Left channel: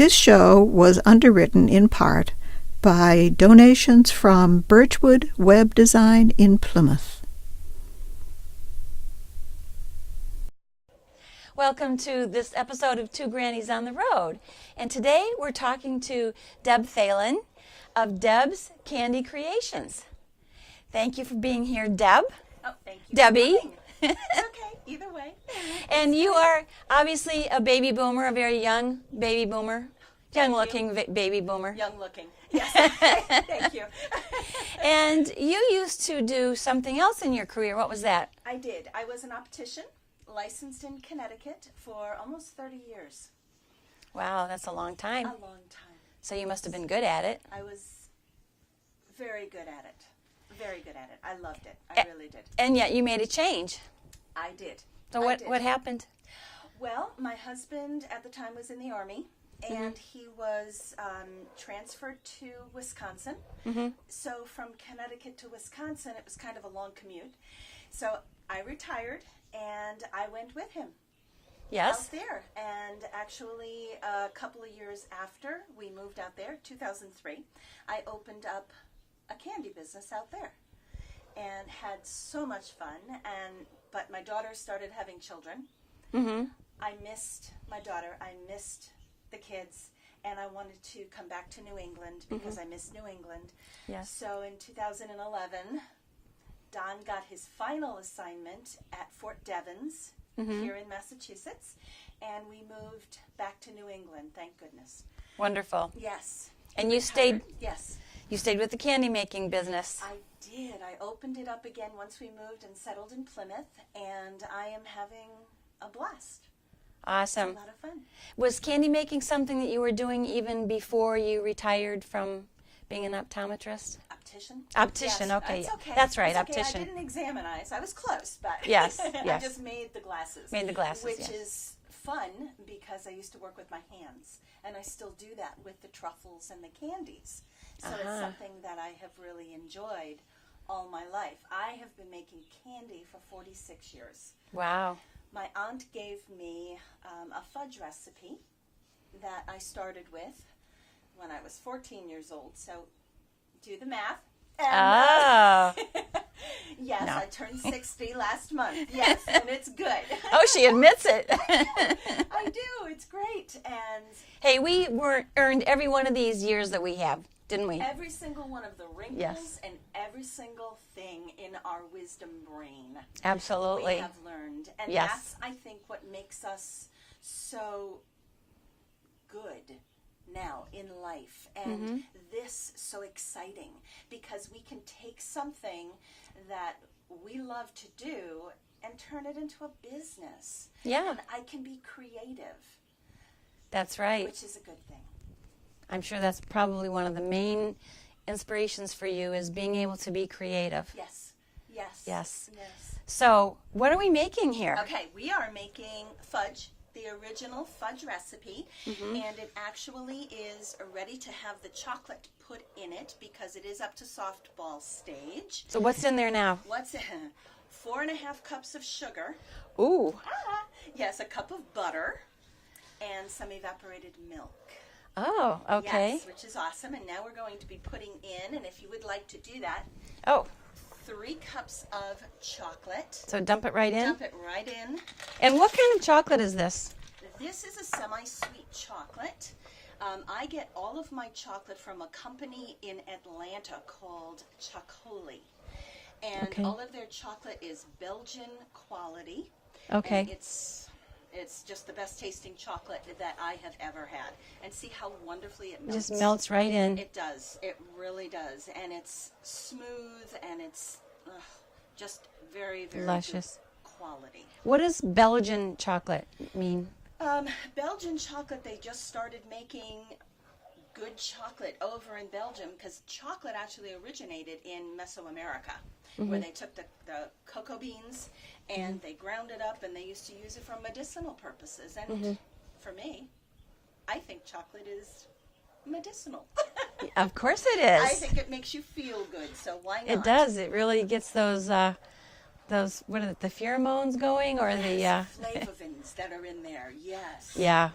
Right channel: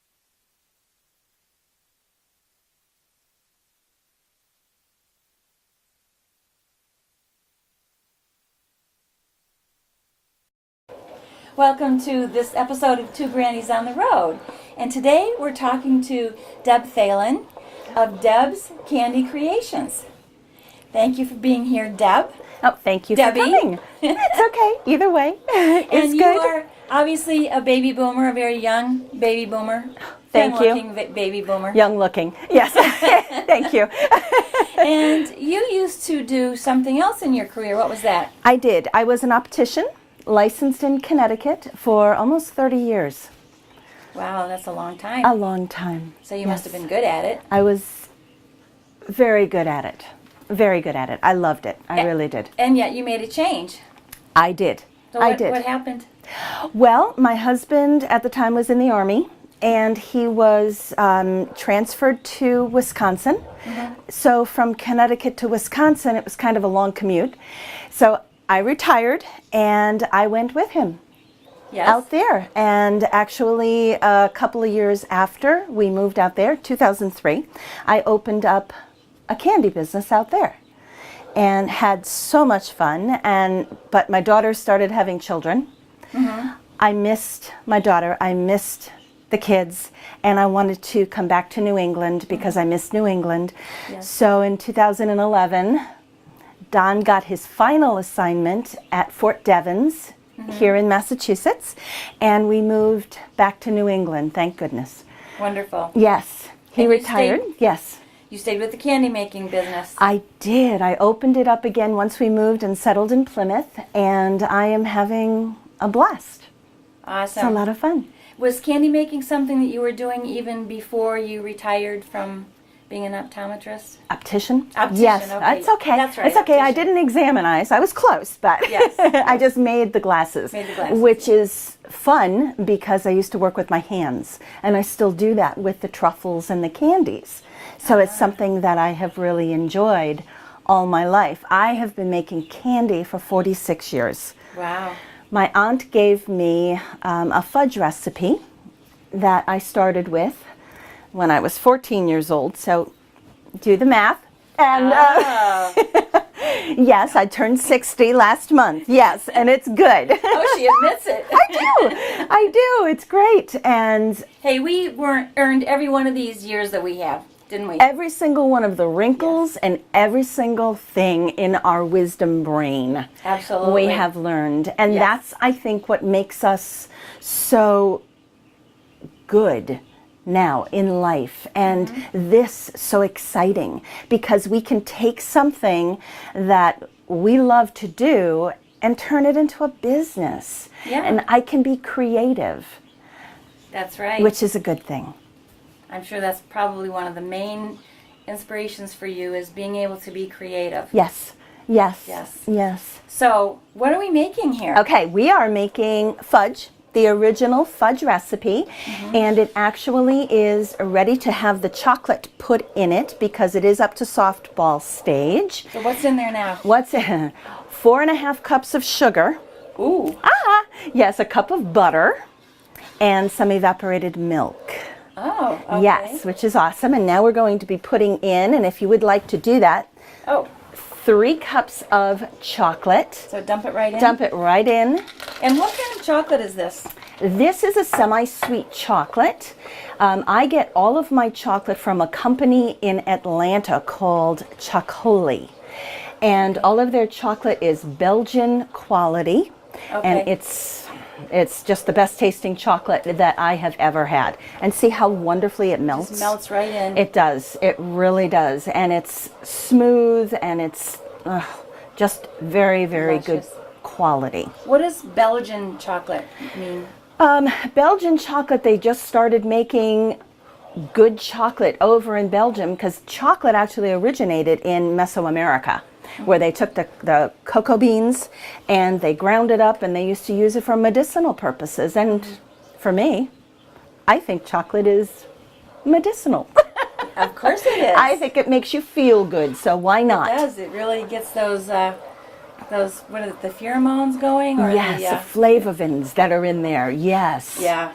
This show was underwritten in part by donations from Birchwood Web Design in Plymouth. Welcome to this episode of Two Grannies on the Road. And today we're talking to Deb Thelen of Deb's Candy Creations. Thank you for being here, Deb. Oh, thank you Debbie. for coming. It's okay, either way. And you are obviously a baby boomer, a very young baby boomer. Thank you. Young-looking baby boomer. Young looking, yes. Thank you. And you used to do something else in your career. What was that? I did. I was an optician, licensed in Connecticut for almost 30 years. Wow, that's a long time. A long time. So you must have been good at it. I was very good at it. Very good at it. I loved it. I really did. And yet you made a change. I did. So I did. What happened? Well, my husband at the time was in the Army, and he was transferred to Wisconsin. Mm-hmm. So from Connecticut to Wisconsin, it was kind of a long commute. So I retired, and I went with him. Yes. Out there. And actually, a couple of years after we moved out there, 2003, I opened up a candy business out there and had so much fun. But my daughter started having children. Mm-hmm. I missed my daughter. I missed the kids, and I wanted to come back to New England because I missed New England. Yes. So in 2011, Don got his final assignment at Fort Devens here in Massachusetts, and we moved back to New England, thank goodness. Wonderful. Yes. He And retired. Yes. You stayed with the candy making business. I did. I opened it up again once we moved and settled in Plymouth, and I am having a blast. Awesome. It's a lot of fun. Was candy making something that you were doing even before you retired from being an optometrist? Optician? Optician, yes. okay. It's okay. That's right. It's okay. Optician. I didn't examine eyes. I was close, but yes, yes. I just made the glasses. Made the glasses, which is fun because I used to work with my hands, and I still do that with the truffles and the candies. So it's something that I have really enjoyed all my life. I have been making candy for 46 years. Wow. My aunt gave me a fudge recipe that I started with when I was 14 years old. So do the math. And yes, I turned 60 last month. Yes, and it's good. Oh, she admits it. I do. It's great. And hey, we earned every one of these years that we have, didn't we? every single one of the wrinkles and every single thing in our wisdom brain. Absolutely. We have learned. And Yes. that's, I think, what makes us so good now in life, and this so exciting, because we can take something that we love to do and turn it into a business. Yeah. And I can be creative, That's right. which is a good thing. I'm sure that's probably one of the main inspirations for you, is being able to be creative. Yes, yes, Yes. yes. So, what are we making here? Okay, we are making fudge, the original fudge recipe, and it actually is ready to have the chocolate put in it because it is up to softball stage. So, what's in there now? What's in? 4.5 cups of sugar. Ooh. Yes, a cup of butter, and some evaporated milk. Oh, okay. Yes, which is awesome. And now we're going to be putting in, and if you would like to do that, Oh, 3 cups of chocolate. so dump it right in? Dump it right in. And what kind of chocolate is this? This is a semi-sweet chocolate. I get all of my chocolate from a company in Atlanta called Chocoli. And all of their chocolate is Belgian quality. Okay. And it's just the best tasting chocolate that I have ever had. And see how wonderfully it melts? Just melts right in. It does. It really does. And it's smooth, and it's just very, very good Delicious. quality. What does Belgian chocolate mean? Belgian chocolate, they just started making good chocolate over in Belgium because chocolate actually originated in Mesoamerica, where they took the cocoa beans and they ground it up, and they used to use it for medicinal purposes. And for me, I think chocolate is medicinal. Of course it is. I think it makes you feel good, so why not? It does. It really gets those what are the pheromones going? Or Yes, the flavavins that are in there, yes. Yeah.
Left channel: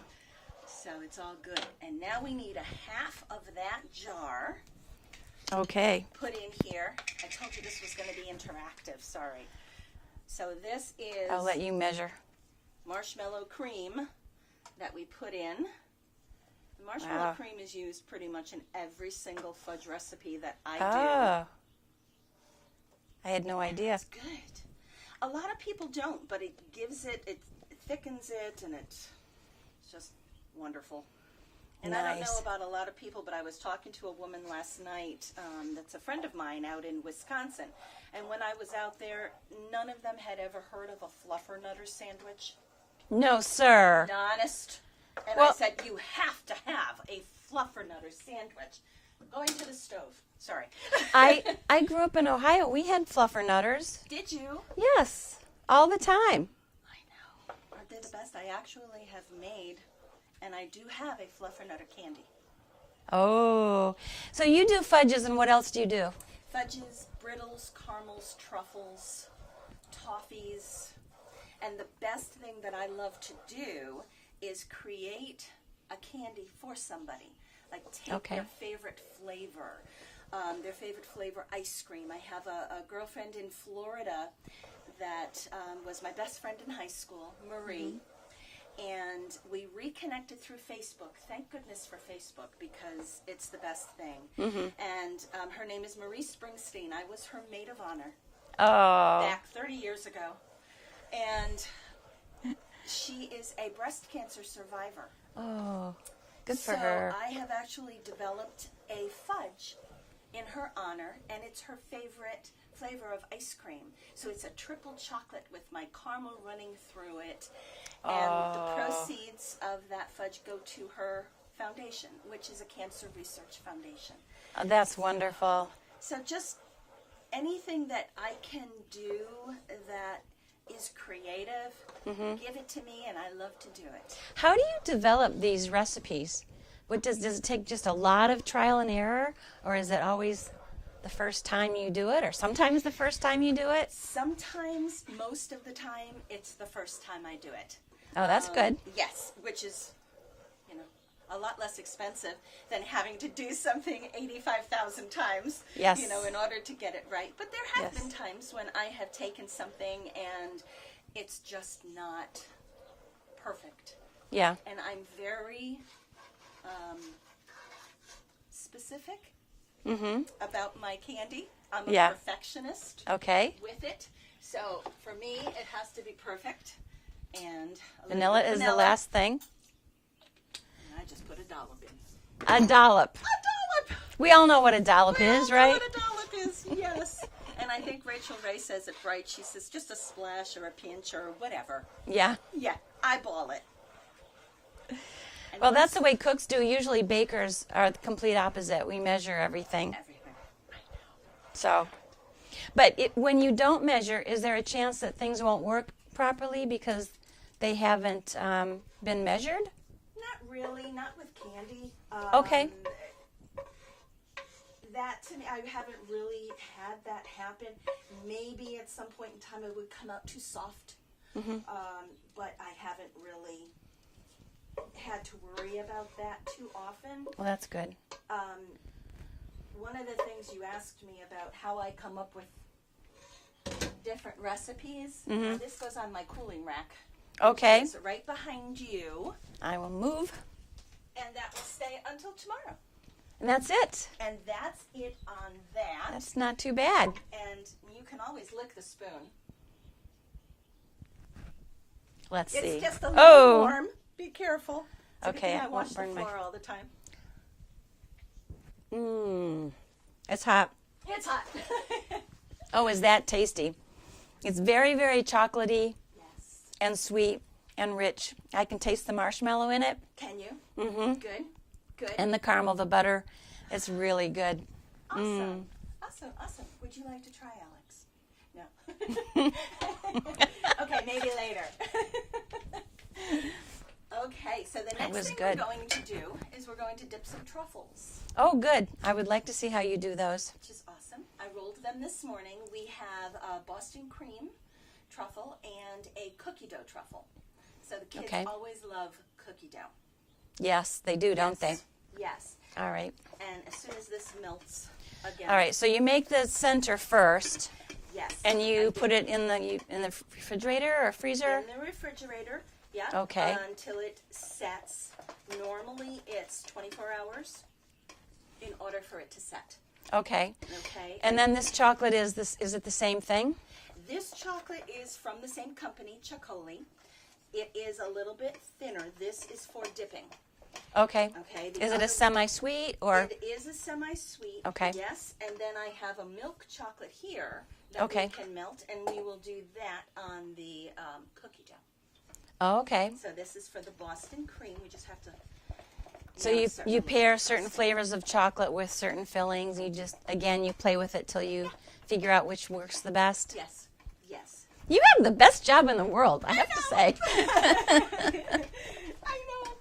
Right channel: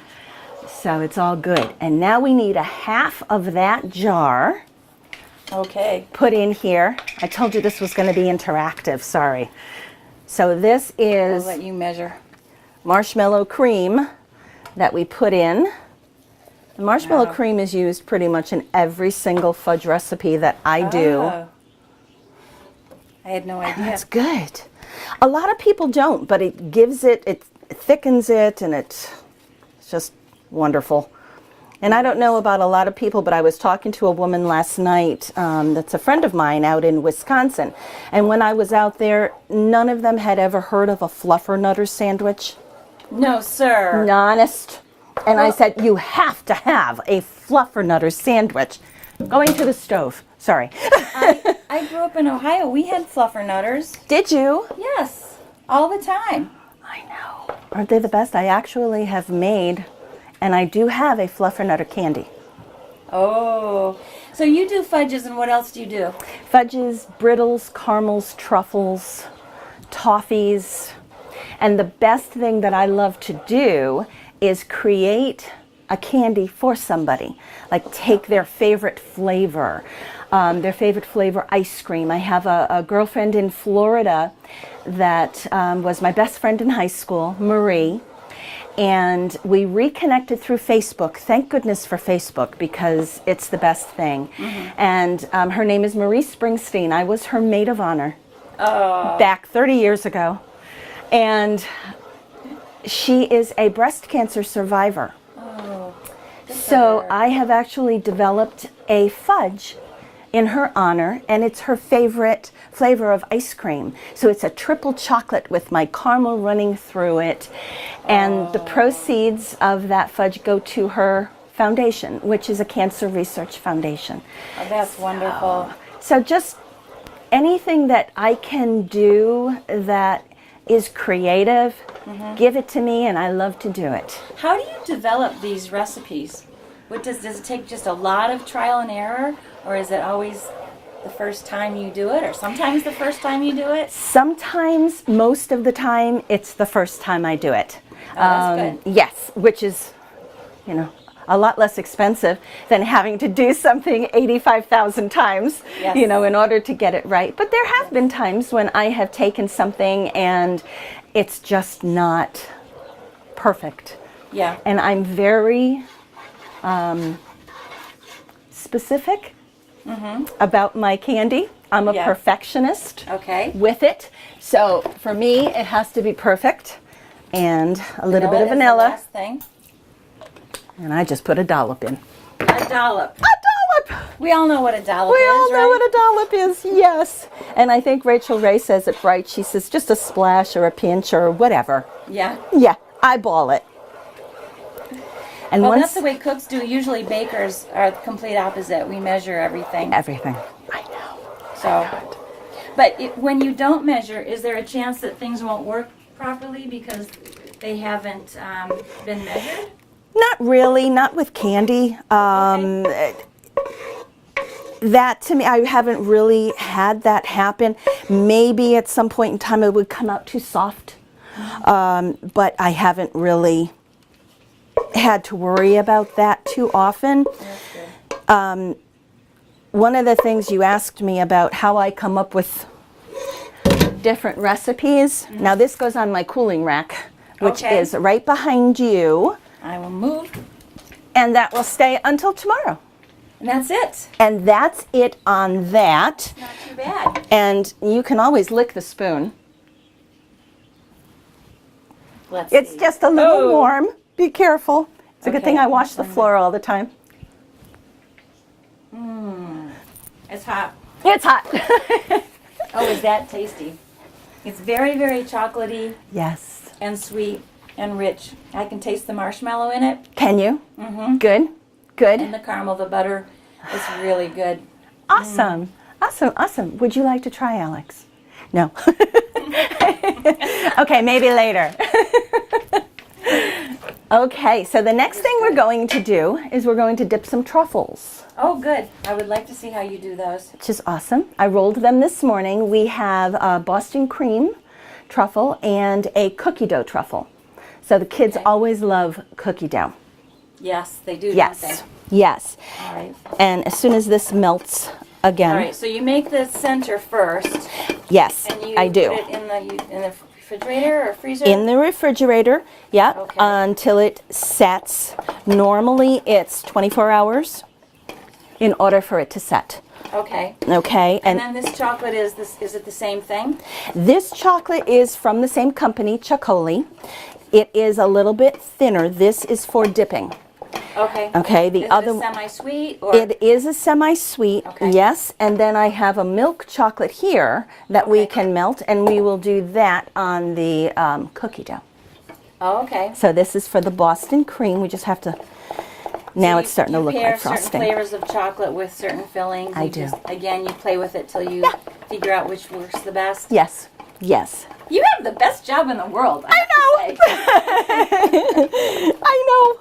So it's all good. And now we need a half of that jar Okay. put in here. I told you this was going to be interactive, sorry. So this I'll is let you measure. marshmallow cream that we put in. The marshmallow Wow. cream is used pretty much in every single fudge recipe that I do. Oh. I had no idea. That's good. A lot of people don't, but it gives it, it thickens it, and it's just wonderful. And I don't know Nice. about a lot of people, but I was talking to a woman last night that's a friend of mine out in Wisconsin. And when I was out there, none of them had ever heard of a fluffernutter sandwich. No, sir. Honest. And I Well- said, you have to have a fluffernutter sandwich. Going to the stove. Sorry. I grew up in Ohio. We had fluffernutters. Did you? Yes, all the time. I know. Aren't they the best? I actually have made, and I do have a fluffernutter candy. Oh, so you do fudges, and what else do you do? Fudges, brittles, caramels, truffles, toffees. And the best thing that I love to do is create a candy for somebody. Like take their favorite flavor ice cream. I have a girlfriend in Florida that was my best friend in high school, Marie. And we reconnected through Facebook. Thank goodness for Facebook, because it's the best thing. And her name is Marie Springsteen. I was her maid of honor back 30 years ago. And she is a breast cancer survivor. So I have actually developed a fudge in her honor, and it's her favorite flavor of ice cream. So it's a triple chocolate with my caramel running through it. And the proceeds of that fudge go to her foundation, which is a cancer research foundation. Oh, that's wonderful. So just anything that I can do that is creative, give it to me, and I love to do it. How do you develop these recipes? Does it take just a lot of trial and error, or is it always the first time you do it, or sometimes the first time you do it? Sometimes, most of the time, it's the first time I do it. Oh, that's good. Yes, which is, a lot less expensive than having to do something 85,000 times, Yes. in order to get it right. But there have been times when I have taken something and it's just not perfect. Yeah. And I'm very specific about my candy. I'm a Yeah. perfectionist Okay. with it. So for me, it has to be perfect. And a little bit of is the vanilla. last thing. And I just put a dollop in. A dollop. A dollop! We all know what a dollop We is, all know right? what a dollop is, yes. And I think Rachel Ray says it right. She says just a splash or a pinch or whatever. Yeah. Yeah, eyeball it. And Well, once that's the way cooks do. Usually bakers are the complete opposite. We measure everything. everything. I know. So, but when you don't measure, is there a chance that things won't work properly because they haven't been measured? Not really, not with candy. That to me, I haven't really had that happen. Maybe at some point in time it would come out too soft, but I haven't really had to worry about that too often. That's good. One of the things you asked me about how I come up with different recipes. Now this goes on my cooling rack, which Okay. is right behind you, I will move. and that will stay until tomorrow. And that's it. And that's it on that. Not too bad. And you can always lick the spoon. Let's It's see. just a little Oh. warm. Be careful. It's a good Okay, thing I I'm wash the gonna- floor all the time. It's hot. It's hot. Oh, is that tasty? It's very, very chocolatey Yes. and sweet and rich. I can taste the marshmallow in it Can you? Mm-hmm. Good. Good. and the caramel, the butter. It's really good. Awesome. Awesome. Awesome. Would you like to try, Alex? No. Okay, maybe later. Okay, so the next thing we're good. going to do is we're going to dip some truffles, Oh, good. I would like to see how you do those. which is awesome. I rolled them this morning. We have a Boston cream truffle and a cookie dough truffle. So the kids Okay. always love cookie dough. Yes, they do, Yes. don't Yes. they? All right. And as soon as this melts again. All right, so you make the center first, Yes, and you I do. put it in the refrigerator or freezer? In the refrigerator, yeah, Okay. until it sets. Normally it's 24 hours in order for it to set. Okay. Okay, And then this chocolate is it the same thing? this chocolate is from the same company, Chocoli. It is a little bit thinner. This is for dipping. Okay. Okay, the Is other it a semi-sweet or? it is a semi-sweet, Okay. yes, and then I have a milk chocolate here that we Okay. can melt, and we will do that on the cookie dough. Oh, okay. So this is for the Boston cream. We just have to. Now So it's starting to look You pair like certain frosting. flavors of chocolate with certain fillings. I You do. Just, again, you play with it till you figure out which works the best. Yes, yes. You have the best job in the world. I know. I know.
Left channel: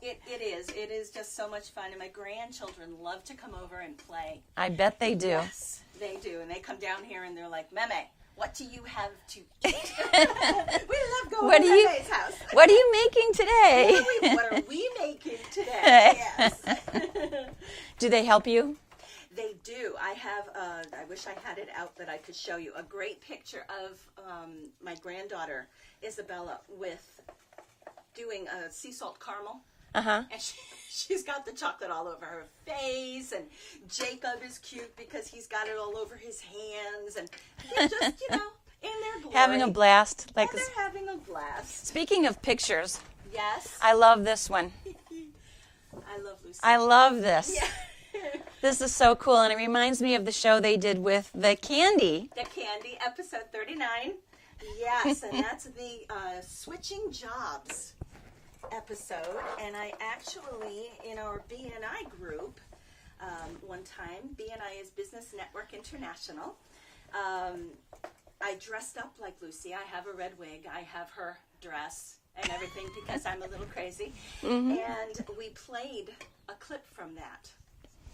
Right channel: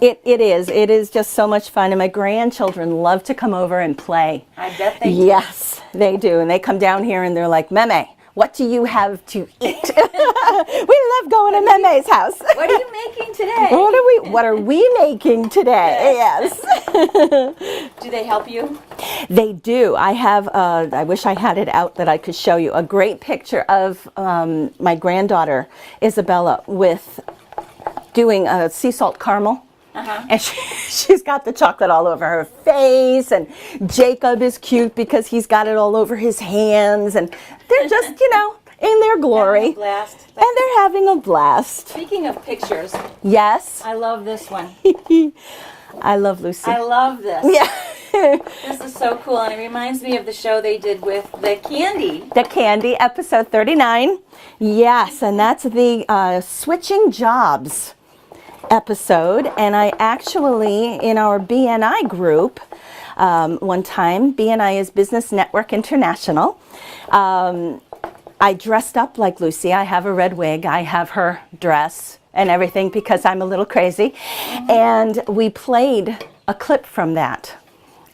It is. It is just so much fun, and my grandchildren love to come over and play. I bet they do. Yes, they do, and they come down here and they're like, "Meme, what do you have to eat?" We love going to Meme's house. What are you making today? What are we making today? Yes. Do they help you? They do. I have, I wish I had it out that I could show you, a great picture of my granddaughter, Isabella, with doing a sea salt caramel. And she's got the chocolate all over her face, and Jacob is cute because he's got it all over his hands, and they're just, in their glory. Having a blast. And they're having a blast. Speaking of pictures, Yes. I love this one. I love Lucy. I love this. Yeah. This is so cool, and it reminds me of the show they did with the candy. The Candy, episode 39. Yes, and that's the Switching Jobs episode. And I actually, in our BNI group, one time, BNI is Business Network International, I dressed up like Lucy. I have a red wig. I have her dress and everything because I'm a little crazy. And we played a clip from that.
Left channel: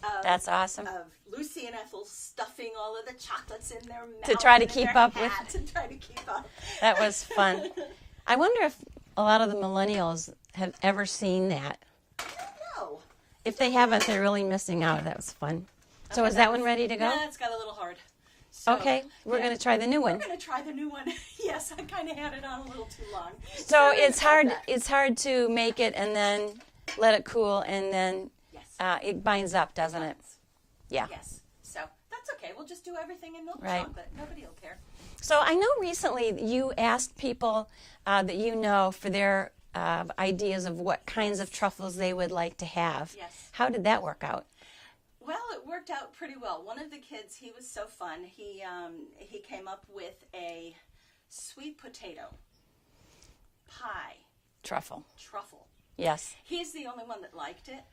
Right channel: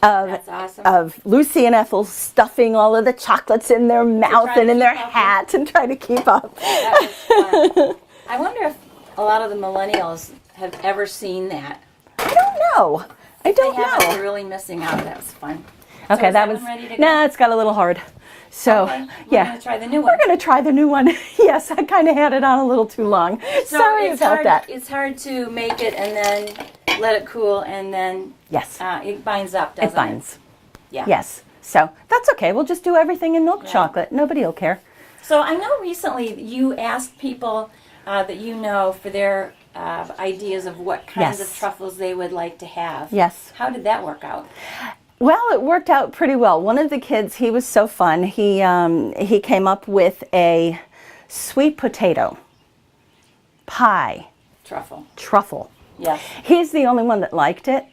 That's awesome. Of Lucy and Ethel stuffing all of the chocolates in their mouth try to and in keep their up with- hats and trying to keep up. That was fun. I wonder if a lot of the millennials have ever seen that. I don't know. I If they don't haven't, know. they're really missing out. That was fun. Okay, so is that was one ready to go? No, it's got a little hard. So Okay, we're yeah, going to try the new one. we're going to try the new one. Yes, I kind of had it on a little too long. So Sorry it's about hard. that. It's hard to make it and then let it cool, and then Yes, it binds up, doesn't it binds. Yeah. Yes, so that's okay. We'll just do everything in milk chocolate. Nobody will care. So I know recently you asked people that you know for their ideas of what kinds Yes. of truffles they would like to have. Yes. How did that work out? Well, it worked out pretty well. One of the kids, he was so fun. He came up with a sweet potato pie truffle. Yes. He's the only one that liked it.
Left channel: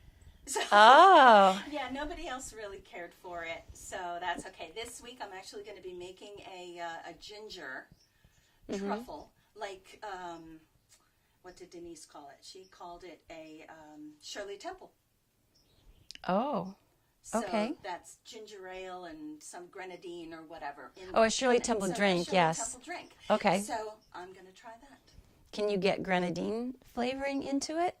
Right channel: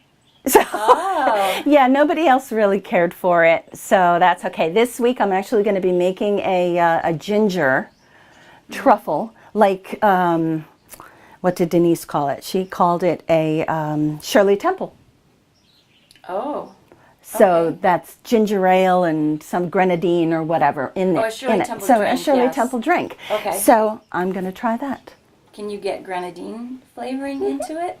So, Oh. yeah, nobody else really cared for it, so that's okay. This week I'm actually going to be making a ginger truffle, like, what did Denise call it? She called it a Shirley Temple. Oh. So Okay. that's ginger ale and some grenadine or whatever in there. Oh, a Shirley in it. Temple so drink, a Shirley yes. Temple drink. Okay. So I'm going to try that. Can you get grenadine flavoring into it?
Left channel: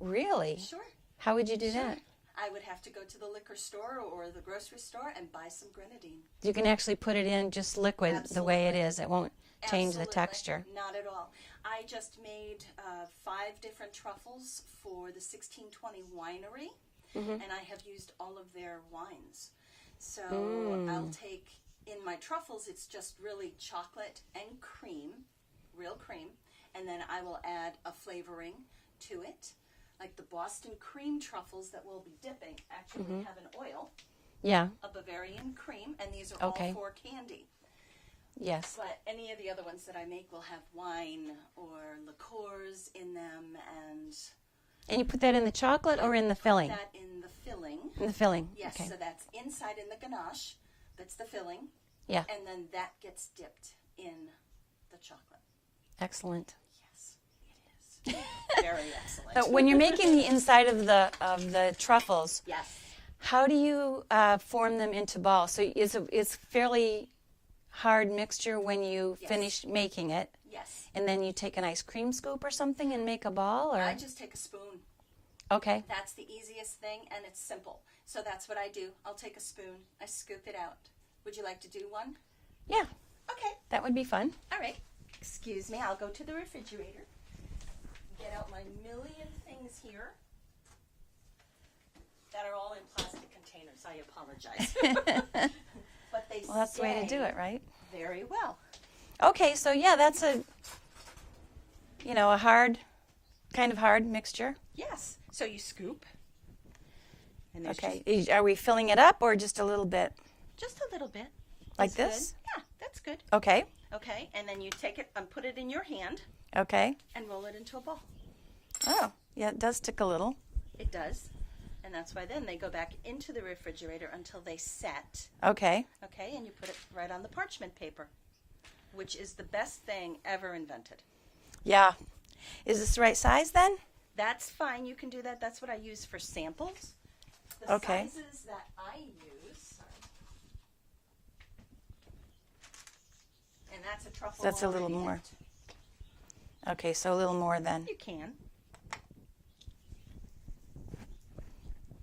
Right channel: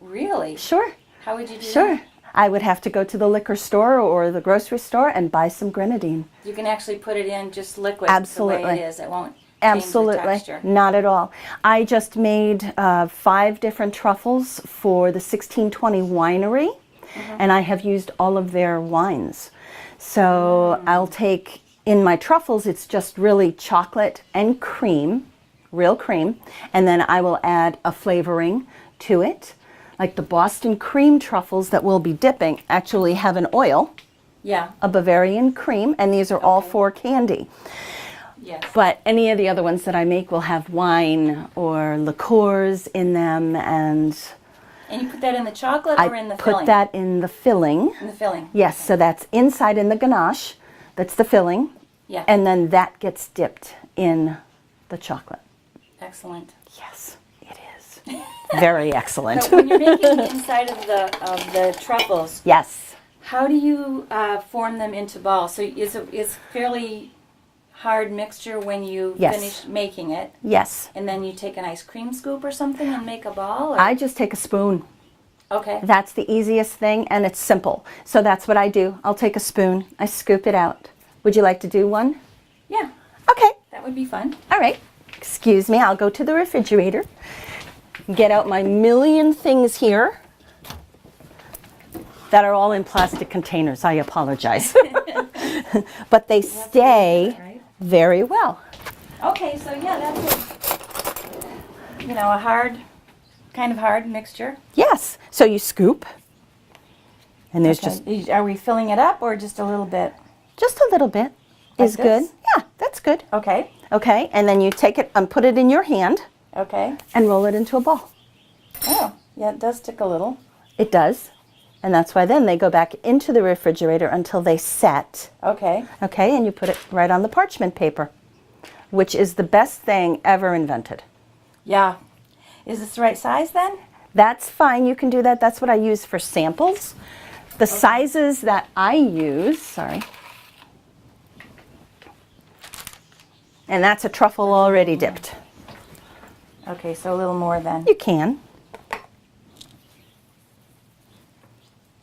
Really? Sure. How would you do Sure. that? I would have to go to the liquor store or the grocery store and buy some grenadine. You can actually put it in just liquid Absolutely. the way it is. It won't change Absolutely. the texture. Not at all. I just made 5 different truffles for the 1620 winery, and I have used all of their wines. So I'll take, in my truffles, it's just really chocolate and cream, real cream, and then I will add a flavoring to it. Like the Boston cream truffles that we'll be dipping actually have an oil, Yeah. a Bavarian cream, and these are all Okay. for candy. Yes. But any of the other ones that I make will have wine or liqueurs in them, and And you put that in the chocolate I or in the put filling? that in the filling. In the filling. Yes, so that's inside in the ganache. That's the filling. Yeah. And then that gets dipped in the chocolate. Excellent. Yes, it is. Very excellent. But when you're making the inside of the truffles, Yes. how do you form them into balls? So it's fairly hard mixture when you Yes. finish making it, Yes. and then you take an ice cream scoop or something and make a ball? Or? I just take a spoon Okay. That's the easiest thing, and it's simple. So that's what I do. I'll take a spoon, I scoop it out. Would you like to do one? Yeah, Okay. that would be fun. All right. Excuse me, I'll go to the refrigerator, get out my million things here that are all in plastic containers. I apologize. But they That's the way to stay do it, right? very well. Okay, so yeah, that's a hard, kind of hard mixture. Yes. So you scoop, and there's Okay. Are we filling it up or just a little bit? just a little bit Like is good. this? Yeah, that's good. Okay. Okay, and then you take it and put it in your hand Okay. and roll it into a ball. Oh, yeah, it does stick a little. It does. And that's why then they go back into the refrigerator until they set. Okay. Okay, and you put it right on the parchment paper, which is the best thing ever invented. Yeah. Is this the right size then? That's fine, you can do that. That's what I use for samples. The sizes that I use, sorry. And that's a truffle That's a already little more. dipped. Okay, so a little more then. You can.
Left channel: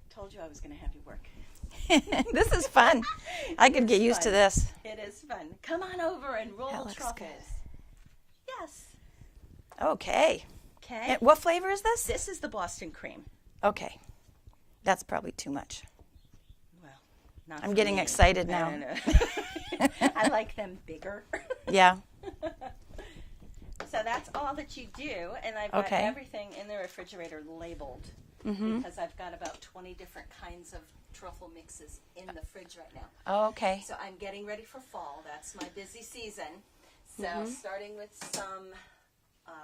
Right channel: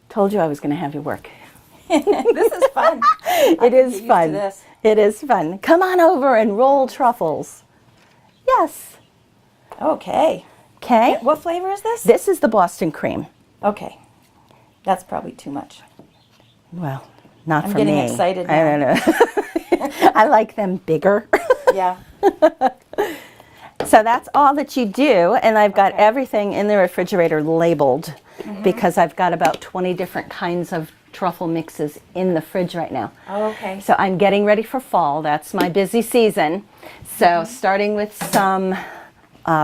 Told you I was going to have you work. This is fun. I It can is get used fun. to this. It is fun. Come on over and roll truffles. Yes. Okay. Okay. What flavor is this? This is the Boston cream. Okay. That's probably too much. Well, not I'm for getting me. excited I don't know. I like them bigger. Yeah. So that's all that you do, and I've got Okay. everything in the refrigerator labeled because I've got about 20 different kinds of truffle mixes in the fridge right now. Oh, okay. So I'm getting ready for fall. That's my busy season. So starting with some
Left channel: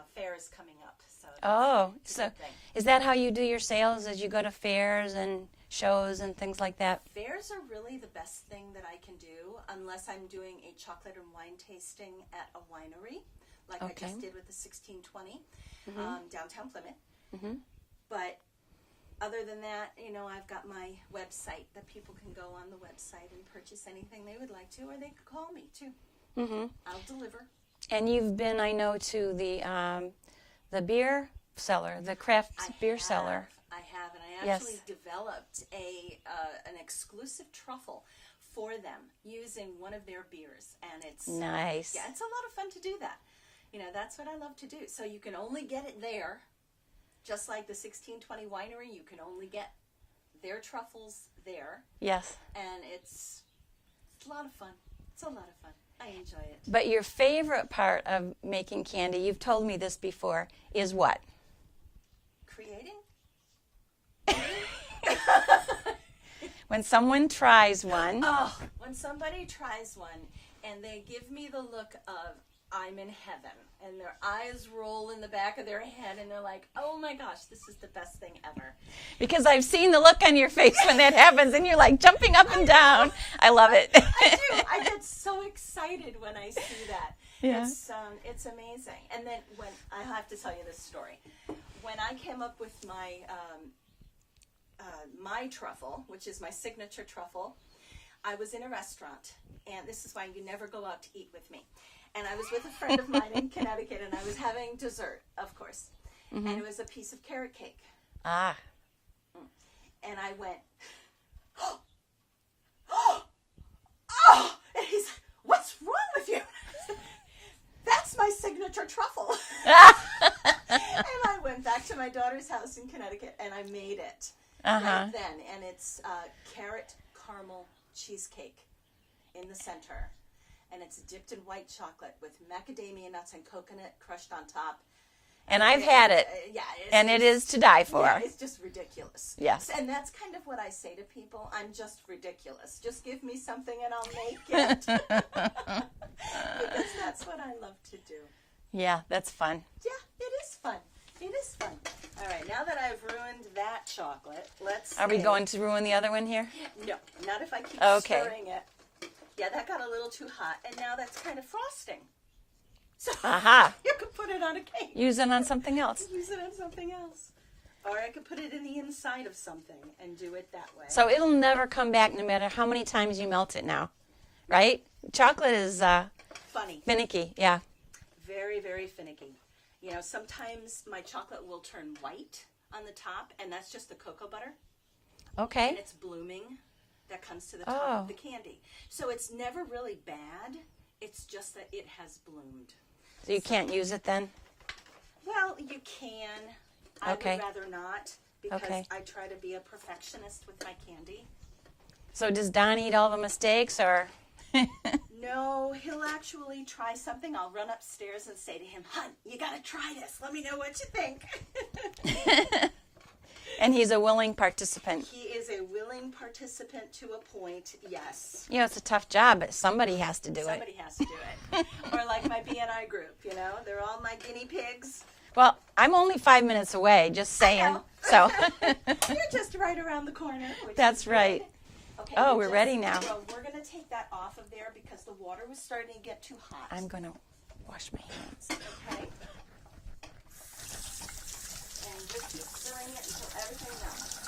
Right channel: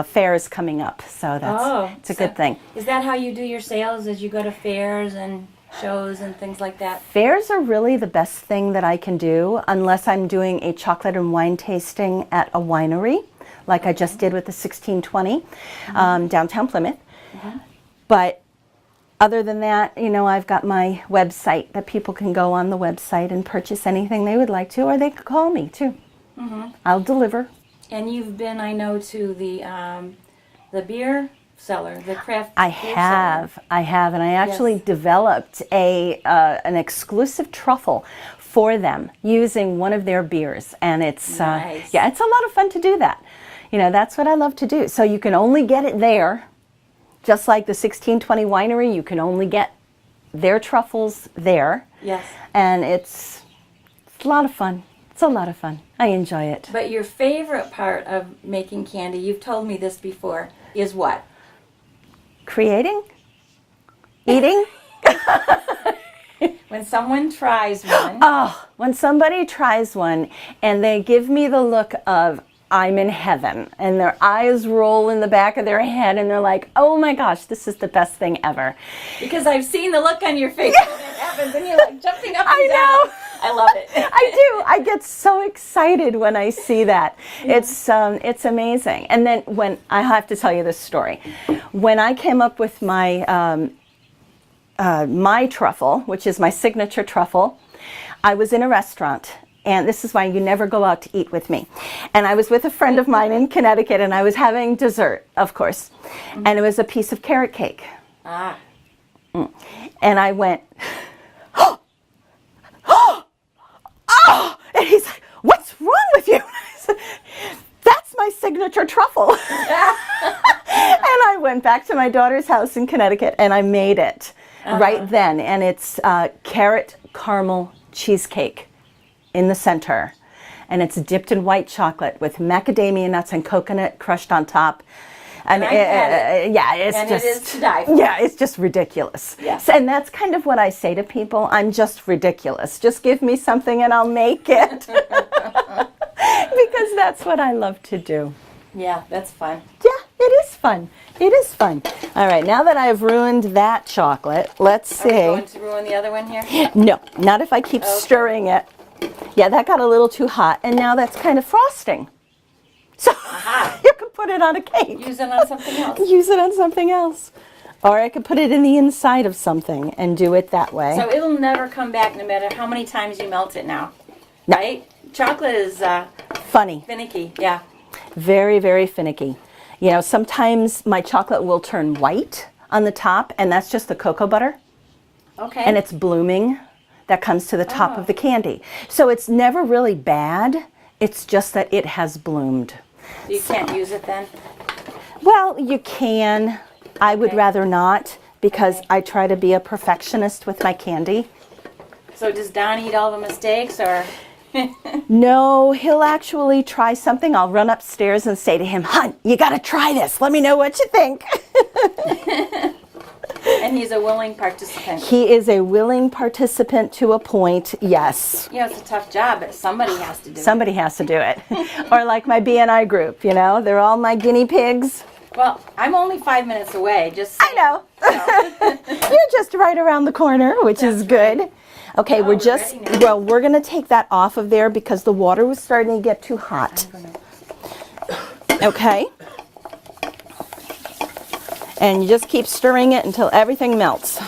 fairs coming up. So that's it's a good thing. Is that how you do your sales? As you go to fairs and shows and things like that? Fairs are really the best thing that I can do unless I'm doing a chocolate and wine tasting at a winery, like I just did with the 1620 downtown Plymouth. But other than that, I've got my website that people can go on the website and purchase anything they would like to, or they could call me too. I'll deliver. And you've been, I know, to the beer cellar, the craft I beer have, and I actually Yes. developed an exclusive truffle for them using one of their beers, and it's Nice. yeah, it's a lot of fun to do that. That's what I love to do. So you can only get it there, just like the 1620 winery. You can only get their truffles there, Yes. and it's a lot of fun. It's a lot of fun. I enjoy it. But your favorite part of making candy, you've told me this before, is what? Creating, eating. When someone tries one. Oh, when somebody tries one and they give me the look of I'm in heaven, and their eyes roll in the back of their head and they're like, oh my gosh, this is the best thing ever. Because I've seen the look on your face when that happens and you're like jumping up and I know. down. I love it. I do. I get so excited when I see that. It's amazing. And then when I have to tell you this story, when I came up with my my truffle, which is my signature truffle, I was in a restaurant. And this is why you never go out to eat with me. And I was with a friend of mine in Connecticut, and I was having dessert, of course. And it was a piece of carrot cake. Ah. And I went, oh! And he's like, what's wrong with you? I said, that's my signature truffle. And I went back to my daughter's house in Connecticut, and I made it right then. And it's carrot caramel cheesecake in the center, and it's dipped in white chocolate with macadamia nuts and coconut crushed on top. And I've had it. Yeah, it's And just, it is to die for. Yeah, it's just ridiculous. Yes. And that's kind of what I say to people. I'm just ridiculous. Just give me something and I'll make it. Because that's what I love to do. Yeah, that's fun. Yeah, it is fun. It is fun. All right, now that I've ruined that chocolate, let's see. Are we going to ruin the other one here? No, not if I keep stirring it. Yeah, that got a little too hot, and now that's kind of frosting. So you can put it on a cake. Use it on something else. Use it on something else. Or I could put it in the inside of something and do it that way. So it'll never come back no matter how many times you melt it now. No. Right? Chocolate is Funny. finicky. Yeah. Very, very finicky. Sometimes my chocolate will turn white on the top, and that's just the cocoa butter. Okay. And it's blooming that comes to the top of the candy. So it's never really bad. It's just that it has bloomed. So you can't use it then? Well, you can. I would rather not, because I try to be a perfectionist with my candy. So does Don eat all the mistakes, or? No, he'll actually try something. I'll run upstairs and say to him, "Hon, you got to try this. Let me know what you think." And he's a willing participant. He is a willing participant to a point, yes. Yeah, it's a tough job, but somebody has to do it. Somebody has to do it. Or like my BNI group, you know, they're all my guinea pigs. Well, I'm only 5 minutes away, just saying. I know. So. You're just right around the corner, which is good. Right. Okay, Oh, we're we're just, ready now. well, we're going to take that off of there because the water was starting to get too hot. Okay. And you just keep stirring it until everything melts.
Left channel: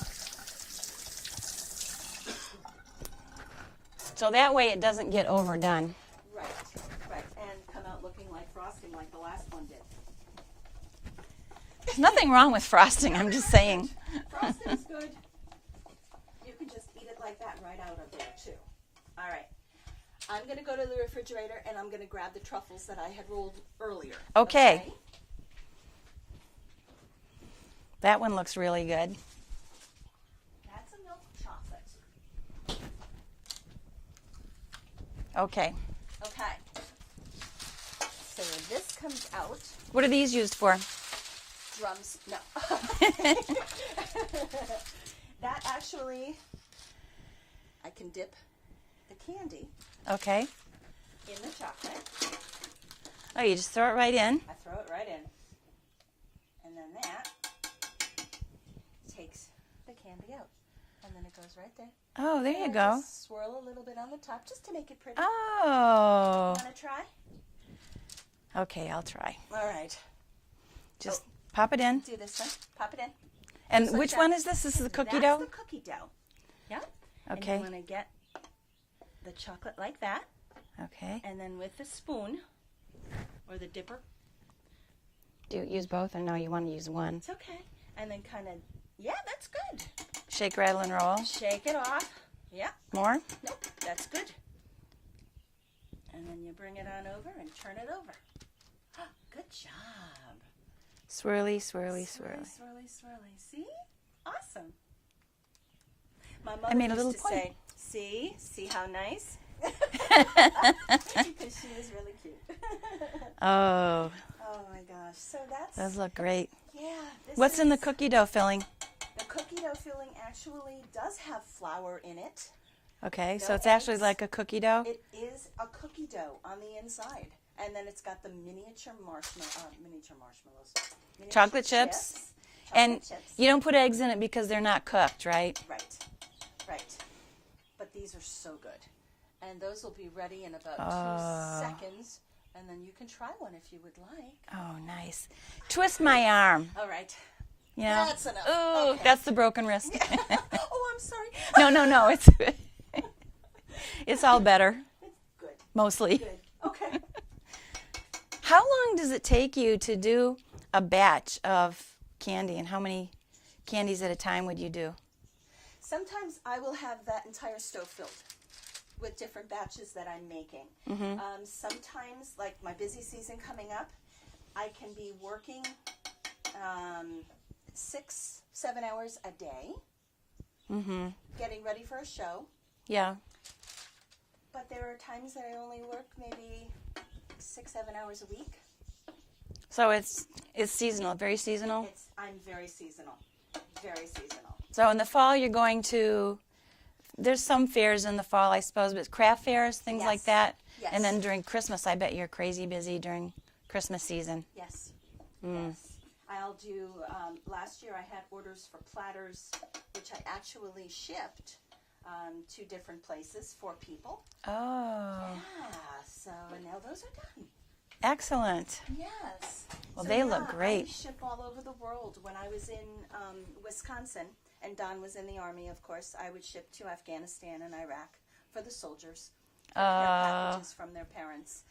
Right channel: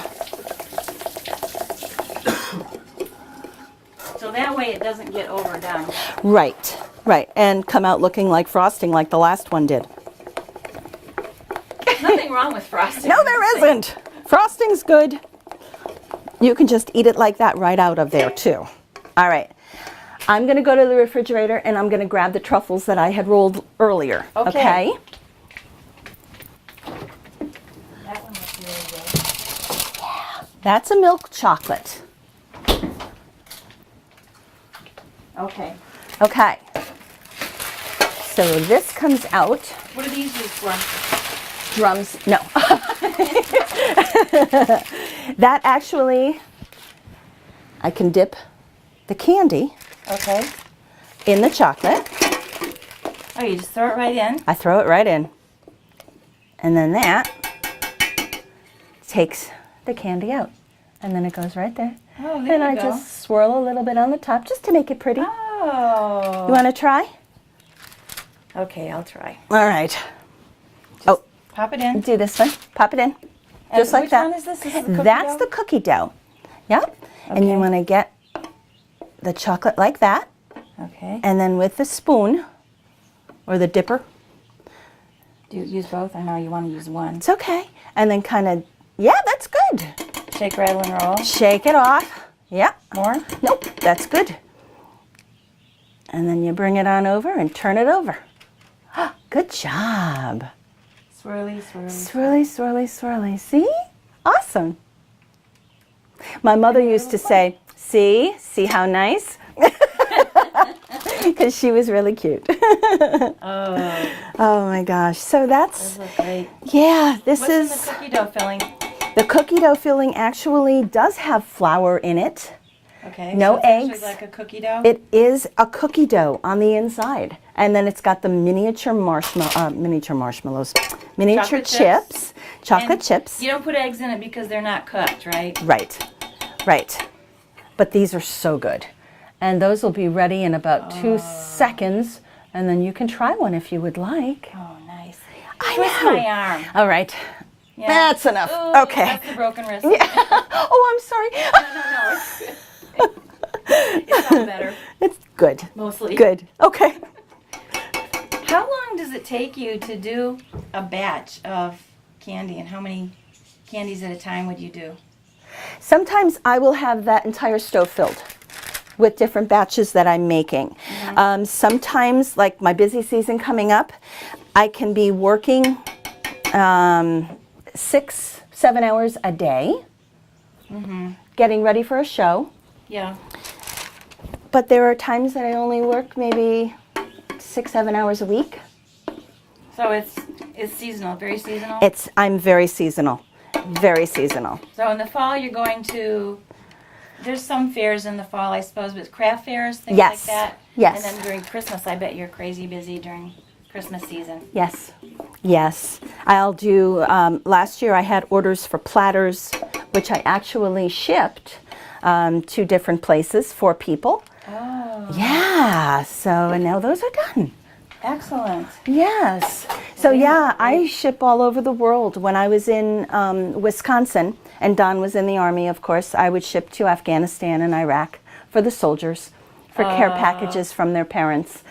So that way it doesn't get overdone. Right, right. And come out looking like frosting like the last one did. Nothing wrong with frosting. No, I'm there just saying. isn't. Frosting's good. You can just eat it like that right out of there too. All right. I'm going to go to the refrigerator and I'm going to grab the truffles that I had rolled earlier. Okay. That one looks really good. That's a milk chocolate. Okay. Okay. So this comes out. What are these used for? Drums. No. That actually, I can dip the candy Okay. in the chocolate. Oh, you just throw it right in? I throw it right in. And then that takes the candy out. And then it goes right there. Oh, there and you I go. just swirl a little bit on the top just to make it pretty. Oh. You want to try? Okay, I'll try. All right. Just pop it in. Do this one. Pop it in. And Just like which that. one is this? Is it the cookie That's dough? the cookie dough. Yep. And you Okay. want to get the chocolate like that. Okay. And then with the spoon or the dipper, Do you use both? I know you want to use one. it's okay. And then kind of, yeah, that's good. Shake, rattle, and roll. Shake it off. Yep. More? Nope, that's good. And then you bring it on over and turn it over. Good job. Swirly, swirly. Swirly, swirly, swirly. See? Awesome. My mother made a used to little say, see how nice? Because she was really cute. Oh, Oh my gosh. So that's, those look great. yeah, this What's is, in the cookie dough filling? the cookie dough filling actually does have flour in it. Okay. No so it's eggs. actually like a cookie dough? It is a cookie dough on the inside. And then it's got the miniature marshmallows, miniature Chocolate chips. chips, chocolate And chips. You don't put eggs in it because they're not cooked, right? Right, right. But these are so good. And those will be ready in about 2 seconds. And then you can try one if you would like. Oh, nice. I Twist know. my arm. All right. Yeah. That's enough. Ooh, Okay. That's the broken wrist. Oh, I'm sorry. No, it's good. It's all better, It's good. mostly. Good. Okay. How long does it take you to do a batch of candy, and how many candies at a time would you do? Sometimes I will have that entire stove filled with different batches that I'm making. Sometimes, like my busy season coming up, I can be working 6, 7 hours a day, getting ready for a show. Yeah. But there are times that I only work maybe 6, 7 hours a week. So it's seasonal, very seasonal? I'm very seasonal, very seasonal. So in the fall you're going to, there's some fairs in the fall I suppose, but craft fairs, things Yes. like that? Yes. And then during Christmas I bet you're crazy busy during Christmas season. Yes, yes. I'll do, last year I had orders for platters, which I actually shipped to different places for people. Oh. Yeah, so and now those are done. Excellent. Yes. So they yeah, look I great. ship all over the world. When I was in Wisconsin, and Don was in the Army, of course, I would ship to Afghanistan and Iraq for the soldiers, for care packages from their parents.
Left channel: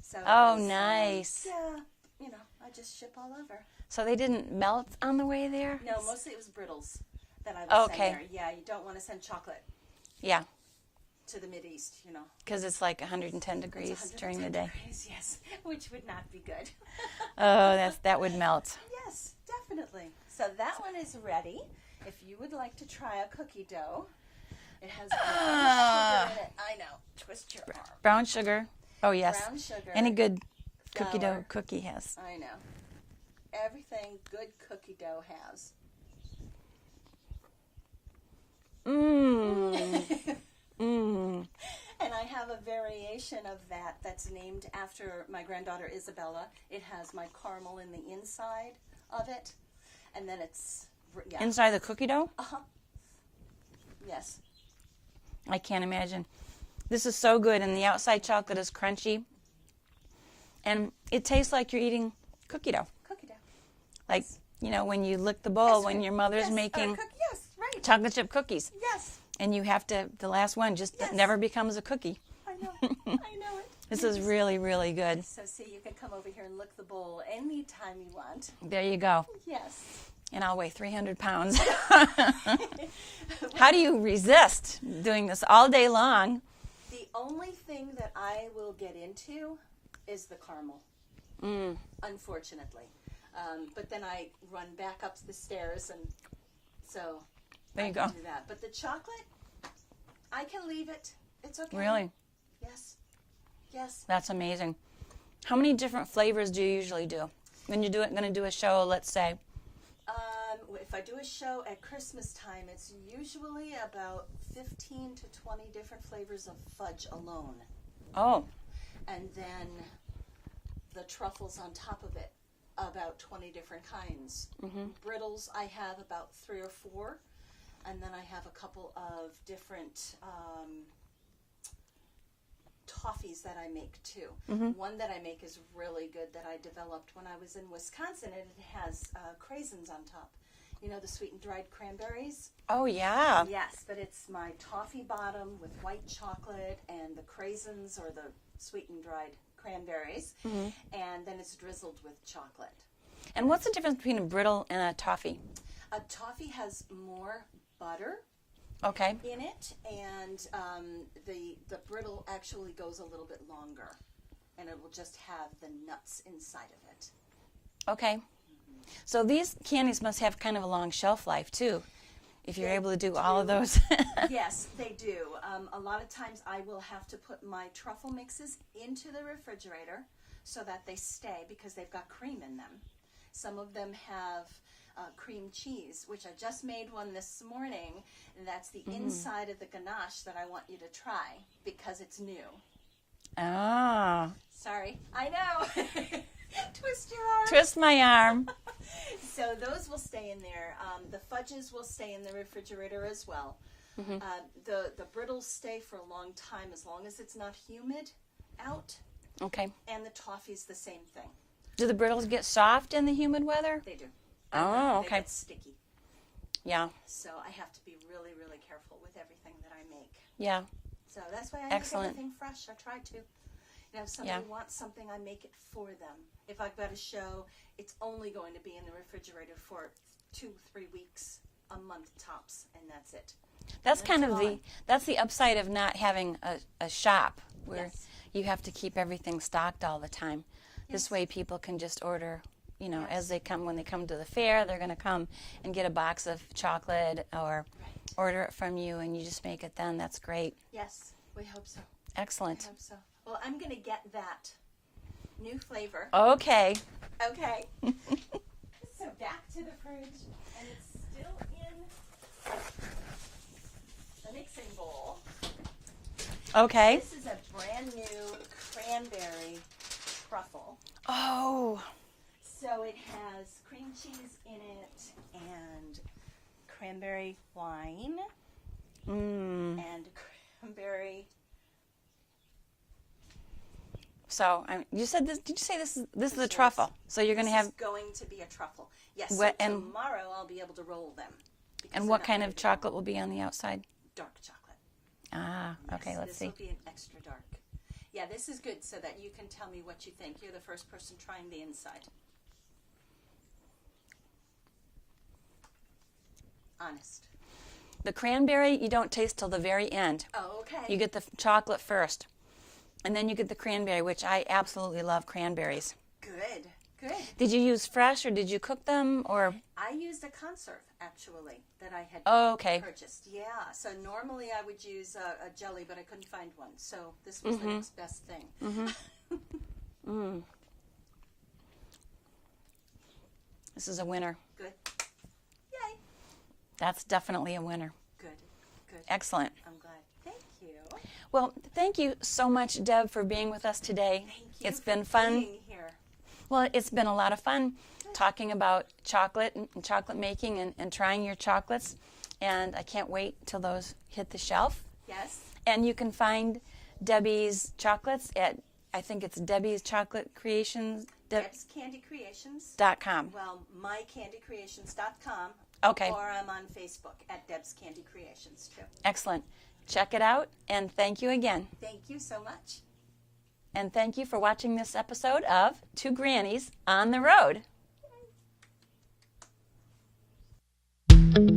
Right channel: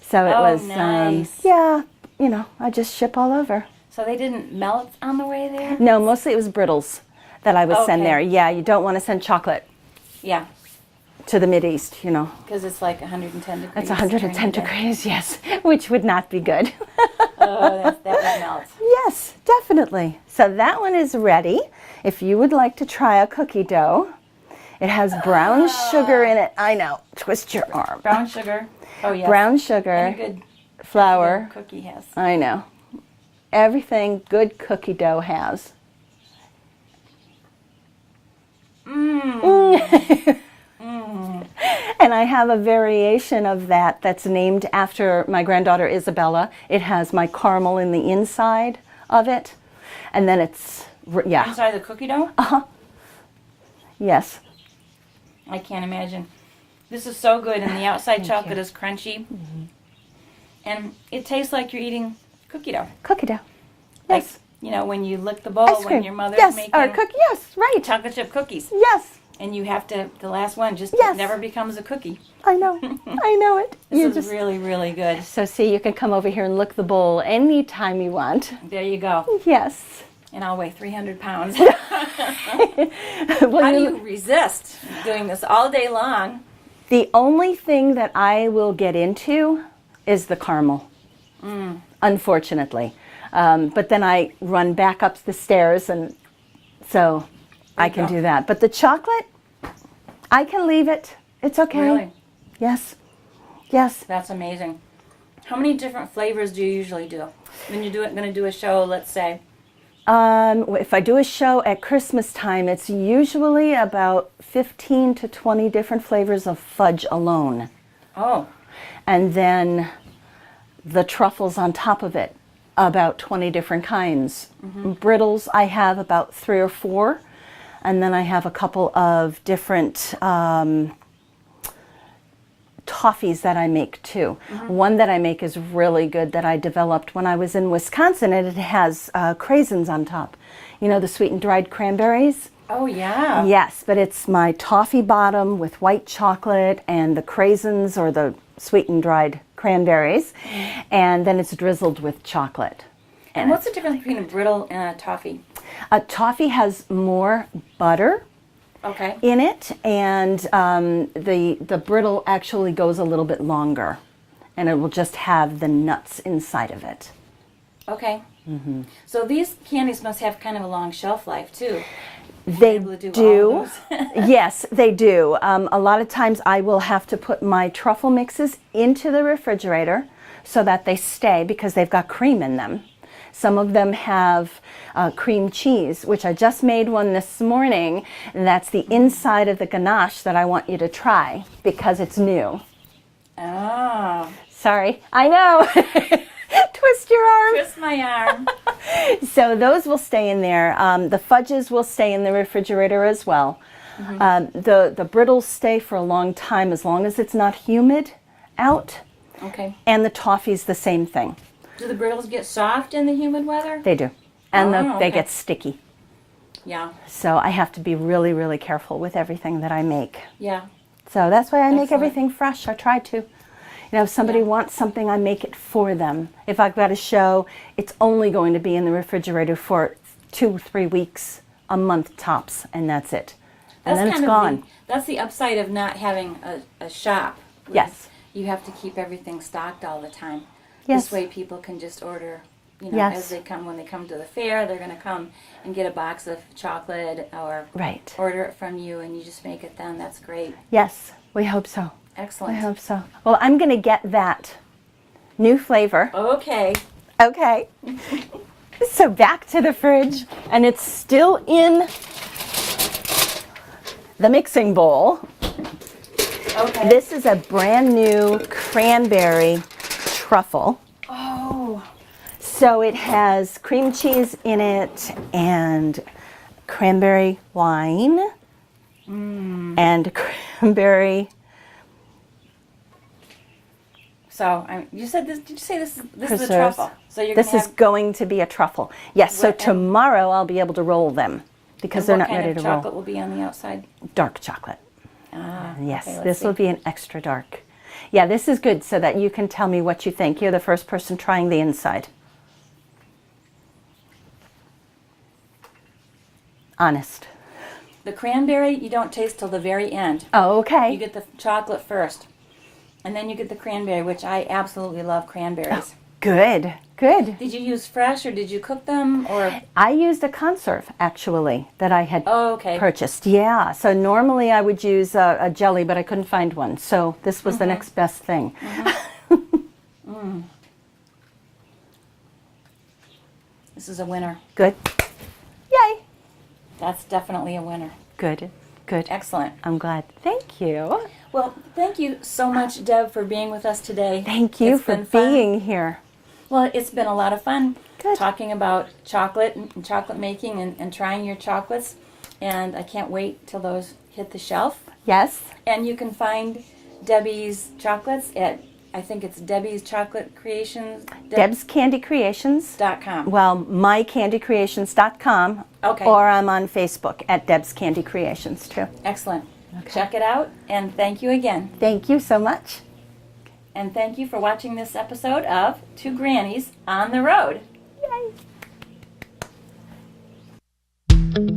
So it Oh, was, nice. yeah, you know, I just ship all over. So they didn't melt on the way there? No, mostly it was brittles that I would send Okay. there. Yeah, you don't want to send chocolate Yeah, to the Mideast, you know. because it's like 110 degrees. It's 110 during the day. degrees, yes, which would not be good. Oh, that would melt. Yes, definitely. So that one is ready. If you would like to try a cookie dough, it has brown sugar in it. I know, twist your arm. Brown sugar. Oh, yes. Brown sugar, Any good flour. cookie has. I know. Everything good cookie dough has. And I have a variation of that that's named after my granddaughter Isabella. It has my caramel in the inside of it. And then it's, yeah. Inside the cookie dough? Yes. I can't imagine. This is so good, and the outside chocolate is crunchy. And it tastes like you're eating cookie dough. Cookie dough. Like, Yes. you know, when you lick the bowl Ice when cream. your mother's Yes. making Or cookie. Yes. Right. chocolate chip cookies. Yes. And you have to, the last one just Yes. never becomes a cookie. I know. I know it. This You is just- really, really good. So see, you can come over here and lick the bowl anytime you want. There you go. Yes. And I'll weigh 300 pounds. Well, How do you resist doing this all day long? The only thing that I will get into is the caramel, unfortunately. But then I run back up the stairs, and so I can do that. But the chocolate, I can leave it. It's okay. Really? Yes. Yes. That's amazing. How many different flavors do you usually do? When you're going to do a show, let's say. If I do a show at Christmas time, it's usually about 15 to 20 different flavors of fudge alone. Oh, And then the truffles on top of it, about 20 different kinds. Brittles, I have about 3 or 4. And then I have a couple of different toffees that I make too. One that I make is really good that I developed when I was in Wisconsin, and it has craisins on top. You know, the sweetened dried cranberries? oh yeah. Yes, but it's my toffee bottom with white chocolate and the craisins or the sweetened dried cranberries, and then it's drizzled with chocolate. And what's the difference between a brittle and a toffee? A toffee has more butter Okay. in it, and the brittle actually goes a little bit longer, and it will just have the nuts inside of it. Okay. So these candies must have kind of a long shelf life too. They able to do all of those? Yes, they do. A lot of times I will have to put my truffle mixes into the refrigerator so that they stay because they've got cream in them. Some of them have cream cheese, which I just made one this morning, and that's the inside of the ganache that I want you to try because it's new. Oh. Sorry, I know. Twist your arm. Twist my arm. So those will stay in there. The fudges will stay in the refrigerator as well. The brittles stay for a long time as long as it's not humid out. Okay. And the toffee's the same thing. Do the brittles get soft in the humid weather? They do. And Oh, they okay. get sticky. Yeah. So I have to be really, really careful with everything that I make. Yeah. So that's why I make Excellent. everything fresh. I try to. You know, if somebody Yeah. wants something, I make it for them. If I've got a show, it's only going to be in the refrigerator for 2-3 weeks, a month tops, and that's it. That's and then kind it's of gone. that's the upside of not having a shop. where Yes. You have to keep everything stocked all the time. Yes. This way people can just order, you know, Yes. as they come, when they come to the fair, they're going to come and get a box of chocolate or Right. order it from you and you just make it then. That's great. Yes, we hope so. I Excellent. hope so. Well, I'm going to get that new flavor. Okay. Okay. So back to the fridge, and it's still in the mixing bowl. Okay. This is a brand new cranberry truffle. Oh. So it has cream cheese in it and cranberry wine and cranberry. So you said this. Did you say this is a preserves. truffle? So you're This going to is have. going to be a truffle. Yes, so What- and- tomorrow I'll be able to roll them because And they're what not kind ready of to chocolate roll. will be on the outside? Dark chocolate. Ah. Yes, okay, let's this see. will be an extra dark. Yeah, this is good so that you can tell me what you think. You're the first person trying the inside. Honest. The cranberry you don't taste till the very end. Oh, okay. You get the chocolate first, and then you get the cranberry, which I absolutely love cranberries. Good, good. Did you use fresh or did you cook them? Or I used a conserve, actually, that I had okay. purchased. Yeah, so normally I would use a jelly, but I couldn't find one. So this was the next best thing. This is a winner. Good. Yay. That's definitely a winner. Good, good. Excellent. I'm glad. Thank you. Well, thank you so much, Deb, for being with us today. Thank you It's for been fun. being here. Well, it's been a lot of fun Good. talking about chocolate and chocolate making and trying your chocolates. And I can't wait till those hit the shelf. Yes. And you can find Debbie's chocolates at, I think it's Debbie's Chocolate Creations. DebsCandyCreations.com. .com. Well, mycandycreations.com. Okay. Or I'm on Facebook at Deb's Candy Creations too. Excellent. Check it out. And thank you again. Thank you so much. And thank you for watching this episode of Two Grannies on the Road. Yay.